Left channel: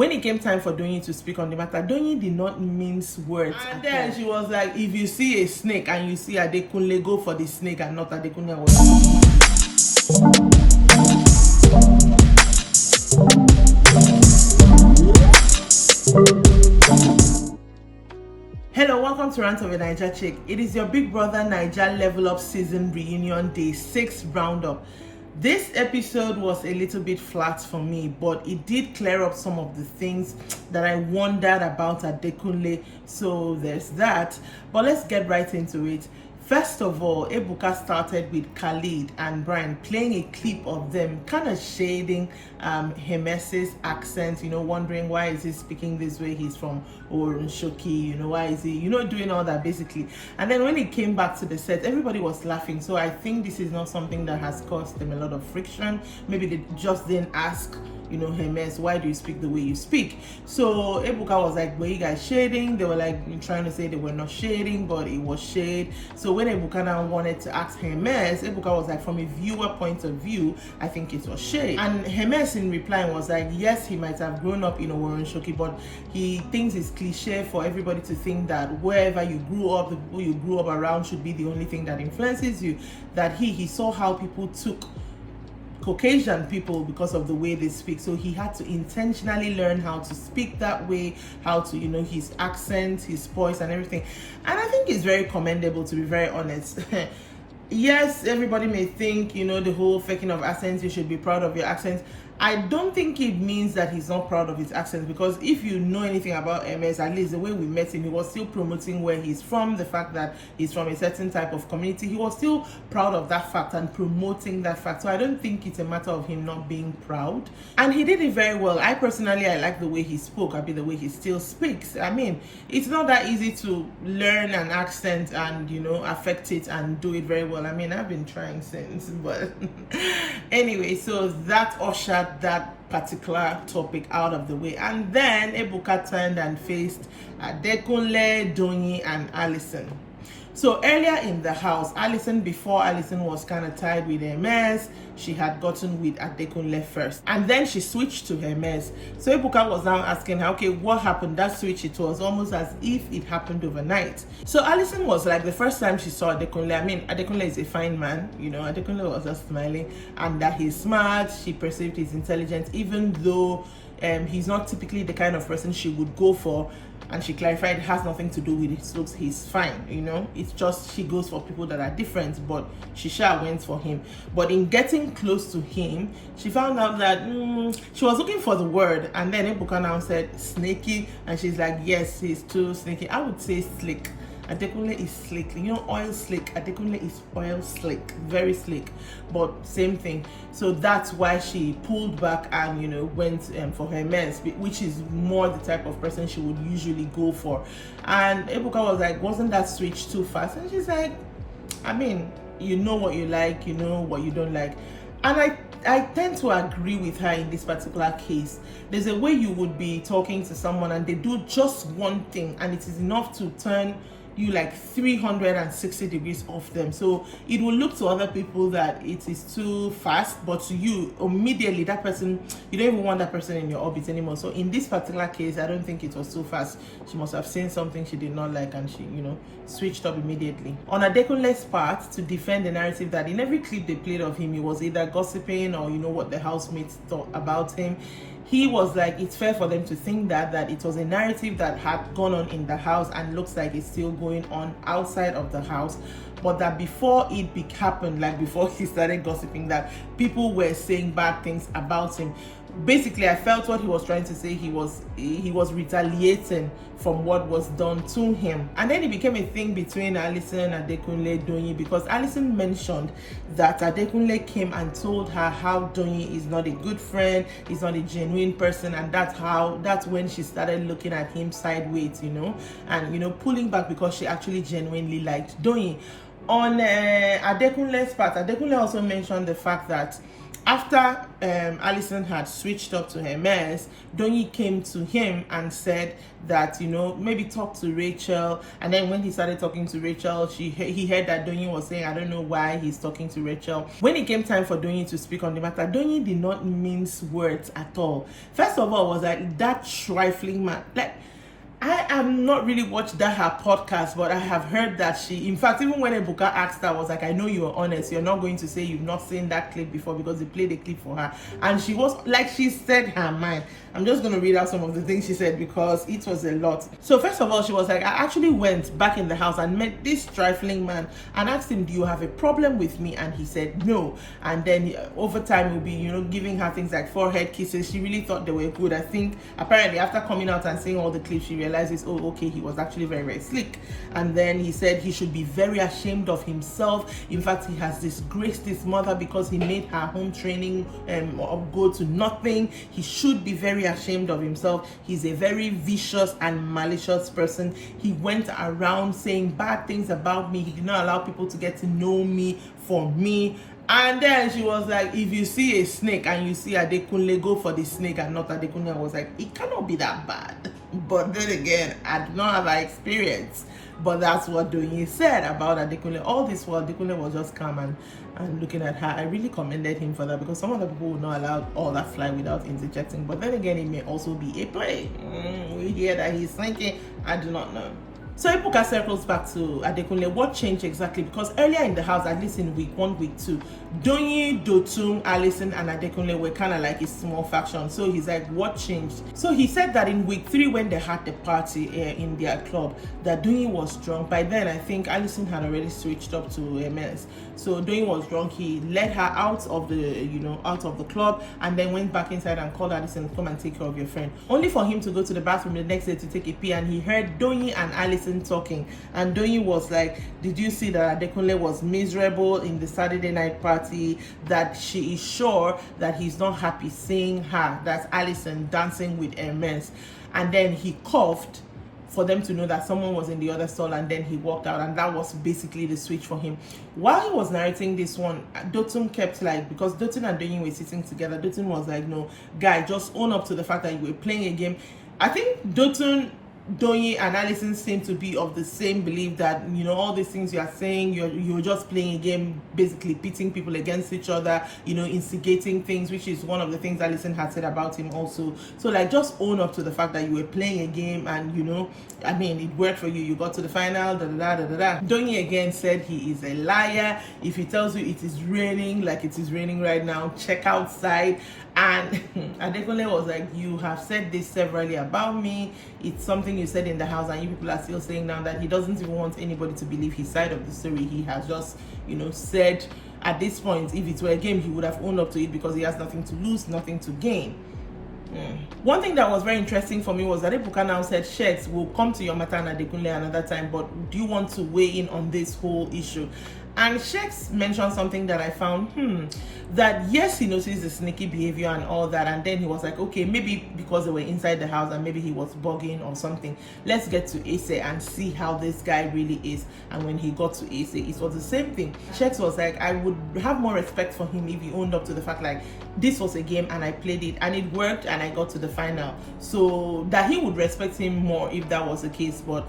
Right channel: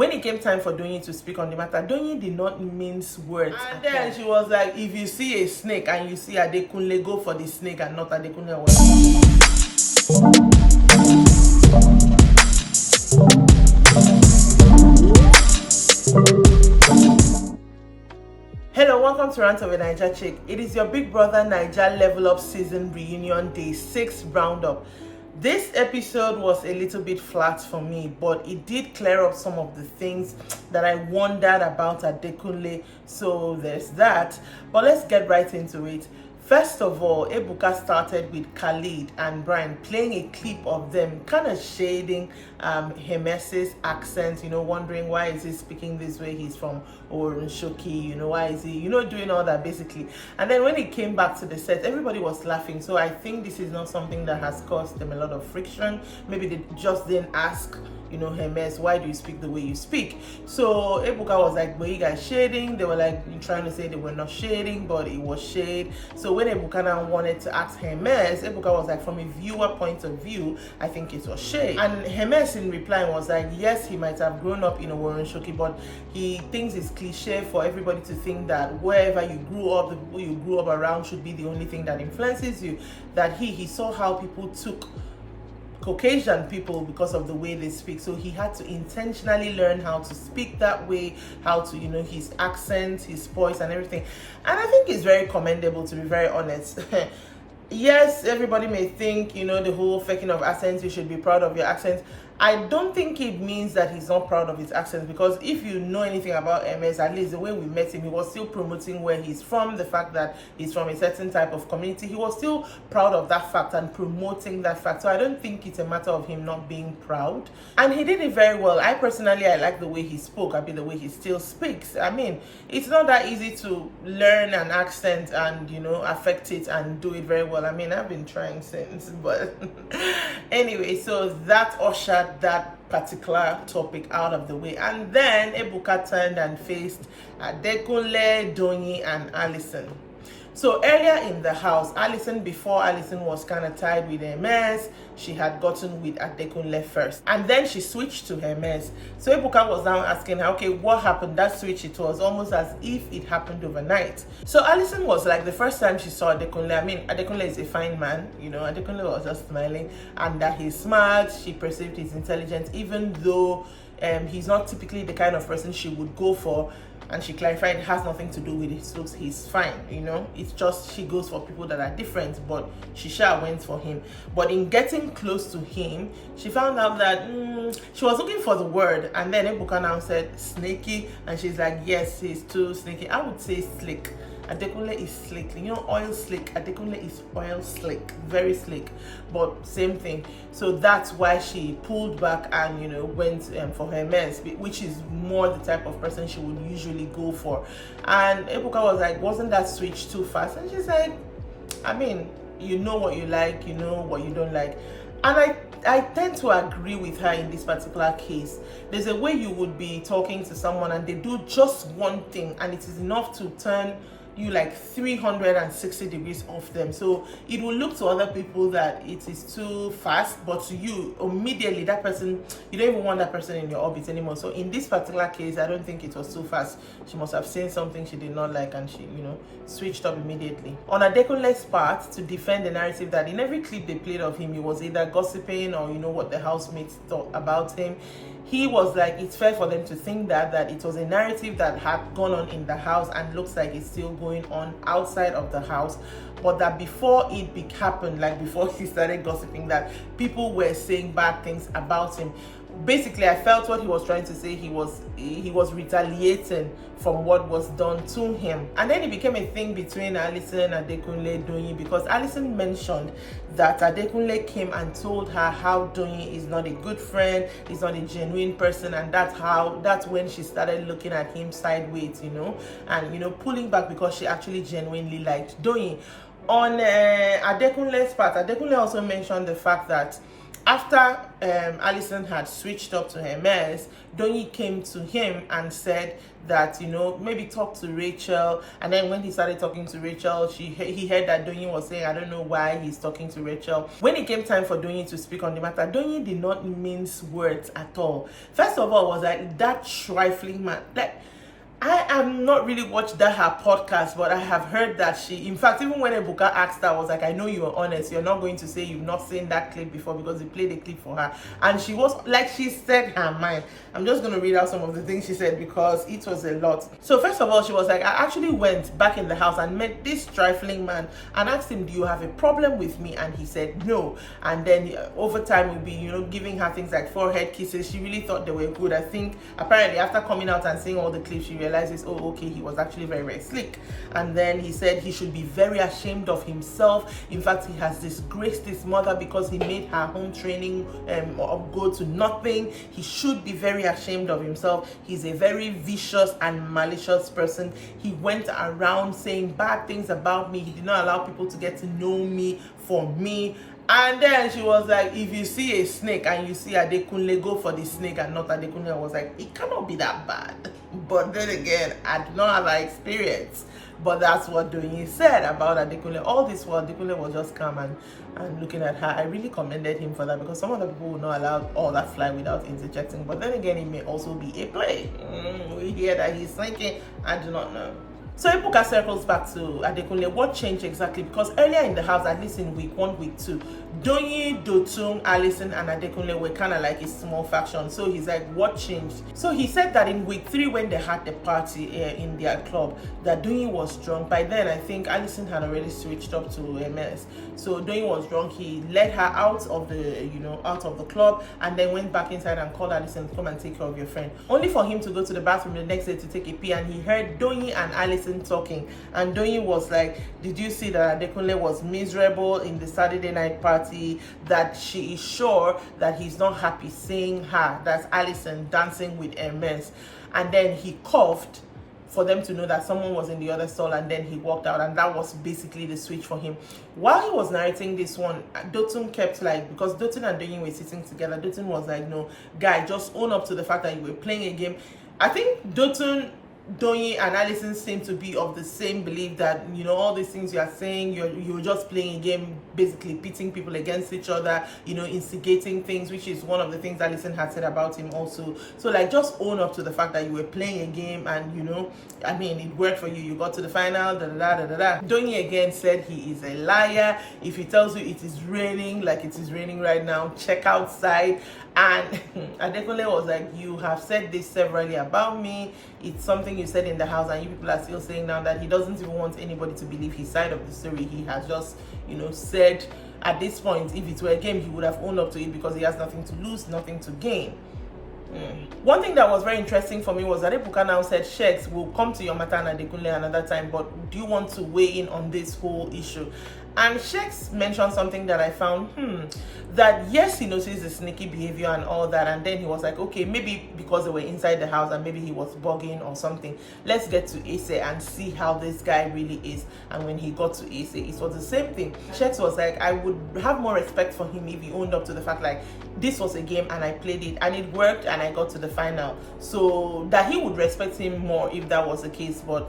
when it came time for Doyin to speak on the matter, Doyin did not mince words. And then she was like, if you see a snake and you see Adekunle, go for the snake and not Adekunle. Hello, welcome to Rants of Naija Chic. It is your big brother Naija Level Up Season Reunion Day 6 Roundup. This episode was a little bit flat for me, but it did clear up some of the things that I wondered about Adekunle. So there's that. But let's get right into it. First of all, Ebuka started with Khalid and Brian playing a clip of them kind of shading Hermes's accent, wondering why is he speaking this way, he's from Shoki, why is he, doing all that basically. And then when it came back to the set, everybody was laughing. So I think this is not something that has caused them a lot of friction. Maybe they just didn't ask Hermes, why do you speak the way you speak? So Ebuka was like, were you guys shading? They were like trying to say they were not shading, but it was shade. So when Ebuka now wanted to ask Hermes, Ebuka was like, from a viewer point of view, I think it was shade. And Hermes in reply was like, yes, he might have grown up in a Shoki, but he thinks it's cliche for everybody to think that wherever you grew up, the people you grew up around should be the only thing that influences you. That he saw how people took Caucasian people because of the way they speak, so he had to intentionally learn how to speak that way, how to his accent, his voice and everything. And I think it's very commendable, to be very honest. Yes, everybody may think the whole faking of accents, you should be proud of your accent. I don't think it means that he's not proud of his accent, because if you know anything about MS, at least the way we met him, he was still promoting where he's from, the fact that he's from a certain type of community. He was still proud of that fact and promoting that fact. So I don't think it's a matter of him not being proud. And he did it very well. I personally like the way he spoke. I mean, the way he still speaks. I mean, it's not that easy to learn an accent and affect it and do it very well. I mean, I've been trying since, but anyway, so that ushered that particular topic out of the way. And then Ebuka turned and faced Adekunle, Doyin and Alison. So earlier in the house, before Alison was kind of tied with Hermes, she had gotten with Adekunle first. And then she switched to Hermes. So Ebuka was now asking her, okay, what happened? That switch, it was almost as if it happened overnight. So Alison was like, the first time she saw Adekunle, I mean, Adekunle is a fine man, Adekunle was just smiling, and that he's smart, she perceived his intelligence, even though he's not typically the kind of person she would go for. And she clarified it has nothing to do with his looks, he's fine, it's just she goes for people that are different, but she sure went for him. But in getting close to him, she found out that she was looking for the word, and then Ebuka now said snaky, and she's like, yes, he's too snaky. I would say slick. Adekunle is slick, oil slick. Adekunle is oil slick, very slick, but same thing. So that's why she pulled back and went for Hermes, which is more the type of person she would usually go for. And Ebuka was like, wasn't that switch too fast? And she's like, I mean, you know what you like, you know what you don't like. And I tend to agree with her in this particular case. There's a way you would be talking to someone and they do just one thing and it is enough to turn you like 360 degrees off them. So it will look to other people that it is too fast, but to you immediately, that person, you don't even want that person in your orbit anymore. So in this particular case, I don't think it was too fast. She must have seen something she did not like and she switched up immediately. On Adekunle's part, to defend the narrative that in every clip they played of him, he was either gossiping or what the housemates thought about him. He was like, it's fair for them to think that it was a narrative that had gone on in the house and looks like it's still going on outside of the house, but that before it happened, like before he started gossiping, that people were saying bad things about him. Basically, I felt what he was trying to say, he was retaliating from what was done to him. And then it became a thing between Alison, Adekunle, Doyin, because Alison mentioned that Adekunle came and told her how Doyin is not a good friend, he's not a genuine person, and that's when she started looking at him sideways, and pulling back because she actually genuinely liked Doyin. On Adekunle's part, Adekunle also mentioned the fact that After Alison had switched up to Hermes, Doyin came to him and said that, you know, maybe talk to Rachel. And then when he started talking to Rachel, he heard that Doyin was saying, I don't know why he's talking to Rachel. When it came time for Doyin to speak on the matter, Doyin did not mince words at all. First of all, was like that trifling man. I have not really watched her podcast, but I have heard that she, in fact, even when Ebuka asked her, I was like, I know you are honest. You're not going to say you've not seen that clip before, because he played a clip for her. And she was like, she said her mind. I'm just going to read out some of the things she said because it was a lot. So first of all, she was like, I actually went back in the house and met this trifling man and asked him, do you have a problem with me? And he said no. And then over time we'll be, you know, giving her things like forehead kisses. She really thought they were good. I think apparently after coming out and seeing all the clips, she realizes, oh, okay, he was actually very, very slick. And then he said he should be very ashamed of himself. In fact, he has disgraced his mother because he made her home training go to nothing. He should be very ashamed of himself. He's a very vicious and malicious person. He went around saying bad things about me. He did not allow people to get to know me for me. And then she was like, if you see a snake and you see Adekunle, go for the snake and not Adekunle. I was like, it cannot be that bad. But then again, I did not have that experience. But that's what Doyin said about Adekunle. All this while Adekunle was just calm and looking at her. I really commended him for that, because some of the people would not allow all that fly without interjecting. But then again, it may also be a play. We hear that he's thinking, I do not know. So Ebuka circles back to Adekunle. What changed exactly? Because earlier in the house, at least in week 1, week 2, Doyin, Dotun, Alison, and Adekunle were kind of like a small faction. So he's like, what changed? So he said that in week 3, when they had the party in their club, that Doyin was drunk. By then, I think Alison had already switched up to MS. So Doyin was drunk. He led her out of the club, and then went back inside and called Alison, come and take care of your friend. Only for him to go to the bathroom the next day to take a pee, and he heard Doyin and Alison talking. And Doyin was like, did you see that Adekunle was miserable in the Saturday night party, that she is sure that he's not happy seeing her, that's Alison, dancing with Hermes. And then he coughed for them to know that someone was in the other stall, and then he walked out, and that was basically the switch for him. While he was narrating this one, Dotun kept like, because Dotun and Doyin were sitting together, Dotun was like, no, guy, just own up to the fact that you were playing a game. I think Dotun, Doyin, and Alison seem to be of the same belief that, you know, all these things you are saying, you're just playing a game, basically pitting people against each other, you know, instigating things, which is one of the things Alison had said about him also. So like, just own up to the fact that you were playing a game, and, you know, I mean, it worked for you. You got to the final, Doyin again said he is a liar. If he tells you it is raining, like it is raining right now, check outside. And Adekunle was like, you have said this severally about me. It's something you said in the house, and you people are still saying now that he doesn't even want anybody to believe his side of the story. He has just, you know, said at this point, if it were a game, he would have owned up to it, because he has nothing to lose, nothing to gain. One thing that was very interesting for me was that Ebuka now said, Sheks, we'll come to your matter and Adekunle another time, but do you want to weigh in on this whole issue? And Sheks mentioned something that I found, that yes, he noticed the sneaky behavior and all that, and then he was like, okay, maybe because they were inside the house and maybe he was bugging or something, let's get to Ase and see how this guy really is. And when he got to Ase, it was the same thing. Sheks was like, I would have more respect for him if he owned up to the fact, like, this was a game and I played it and it worked and I got to the final. So that he would respect him more if that was the case. But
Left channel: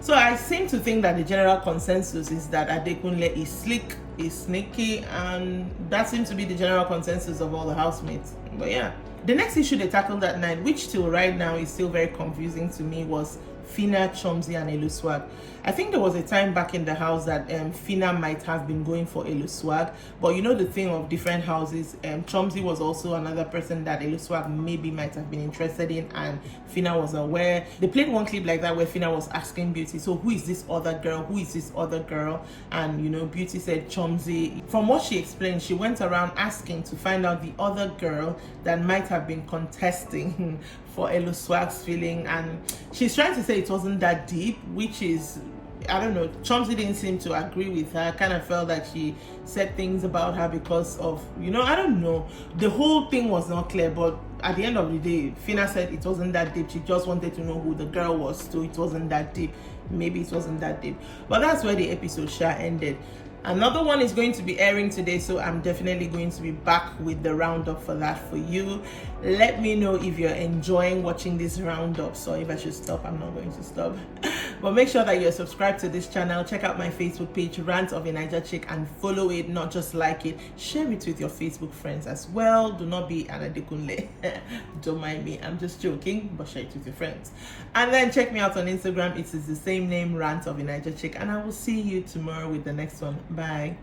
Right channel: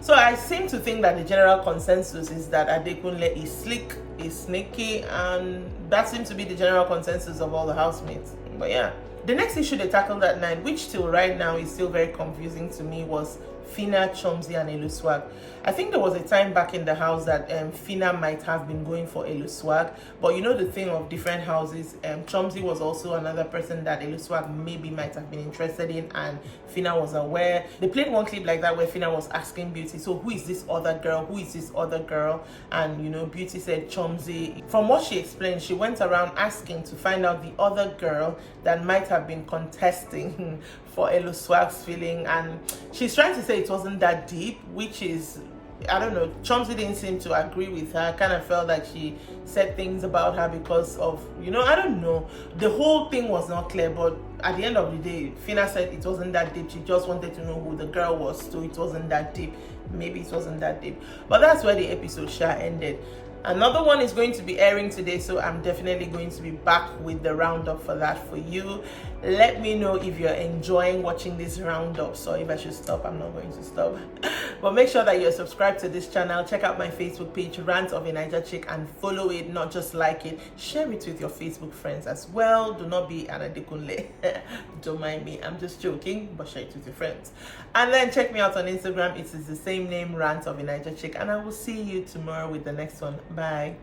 so I seem to think that the general consensus is that Adekunle is slick, is sneaky, and that seems to be the general consensus of all the housemates. But yeah, the next issue they tackled that night, which till right now is still very confusing to me, was Fina, Chomzi, and Eluswag. I think there was a time back in the house that Fina might have been going for Eluswag, but you know the thing of different houses, Chomzi was also another person that Eluswag maybe might have been interested in, and Fina was aware. They played one clip like that where Fina was asking Beauty, so who is this other girl? Who is this other girl? And you know, Beauty said Chomzi. From what she explained, she went around asking to find out the other girl that might have been contesting for Eluswag's feeling, and she's trying to say it wasn't that deep, which is, I don't know, Chomzi didn't seem to agree with her. Kind of felt like she said things about her because of, you know, I don't know. The whole thing was not clear, but at the end of the day, Fina said it wasn't that deep. She just wanted to know who the girl was, so it wasn't that deep. Maybe it wasn't that deep. But that's where the episode ended. Another one is going to be airing today, so I'm definitely going to be back with the roundup for that for you. Let me know if you're enjoying watching this roundup. So if I should stop, I'm not going to stop. But make sure that you're subscribed to this channel. Check out my Facebook page, Rants of a Naija Chick, and follow it, not just like it. Share it with your Facebook friends as well. Do not be an Adekunle. Don't mind me, I'm just joking, but share it with your friends. And then check me out on Instagram. It is the same name, Rants of a Naija Chick, and I will see you tomorrow with the next one. Bye.